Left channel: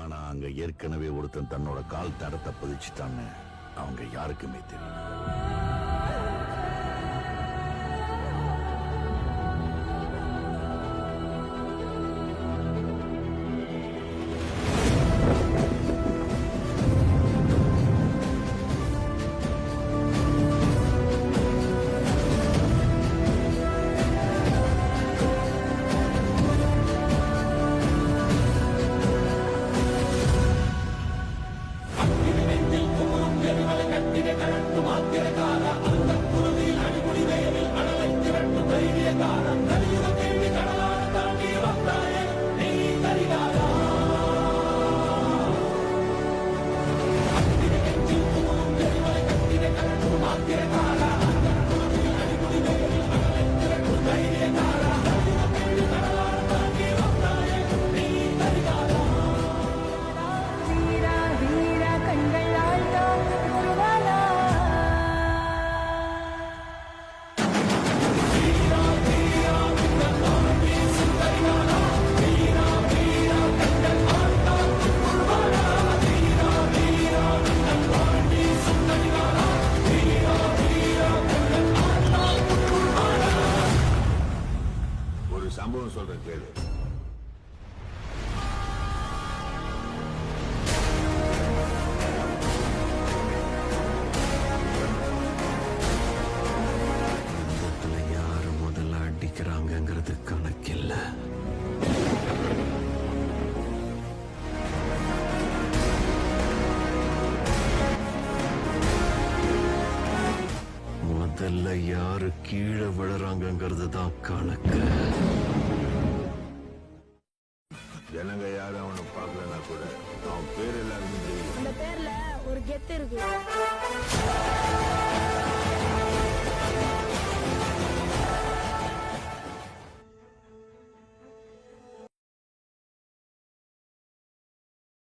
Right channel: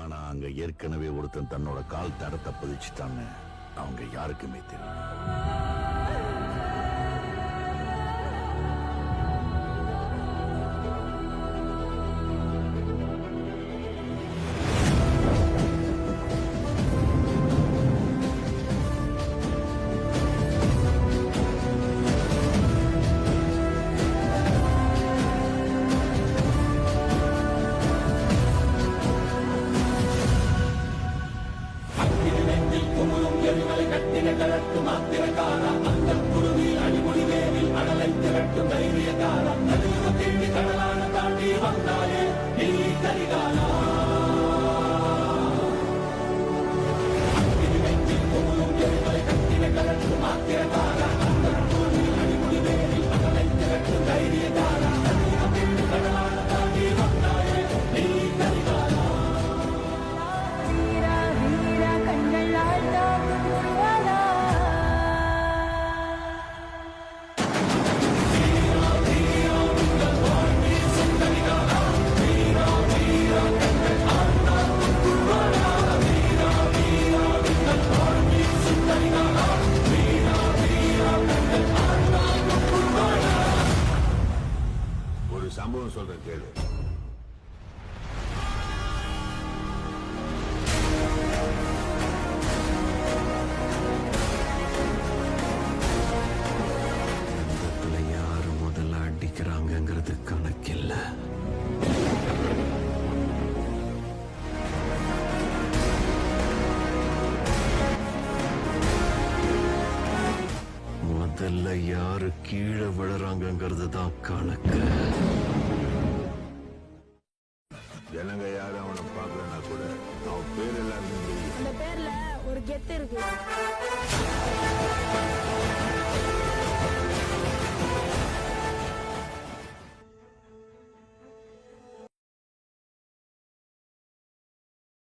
ஆனா அங்க ஏற்கனவே ஒருத்தன் தன்னோட கால் தடத்தை பதிச்சுட்டான்னு அவங்க யாருக்குமே தெரியல. சம்பவம் சொல்ற கேளு. யுத்தத்துல யாரு முதல்ல அடிக்கிறாங்கிறது கணக்கில்ல. முதல்ல யாரு கீழே விழுறாங்கிறது தான் கணக்கு. ஜனங்க யாரும் அவனை பாக்கலன்னா கூட அவன் பேர் எல்லாருக்கும் தெரியும். அந்த பேர்ல ஒரு கெத்து இருக்கு.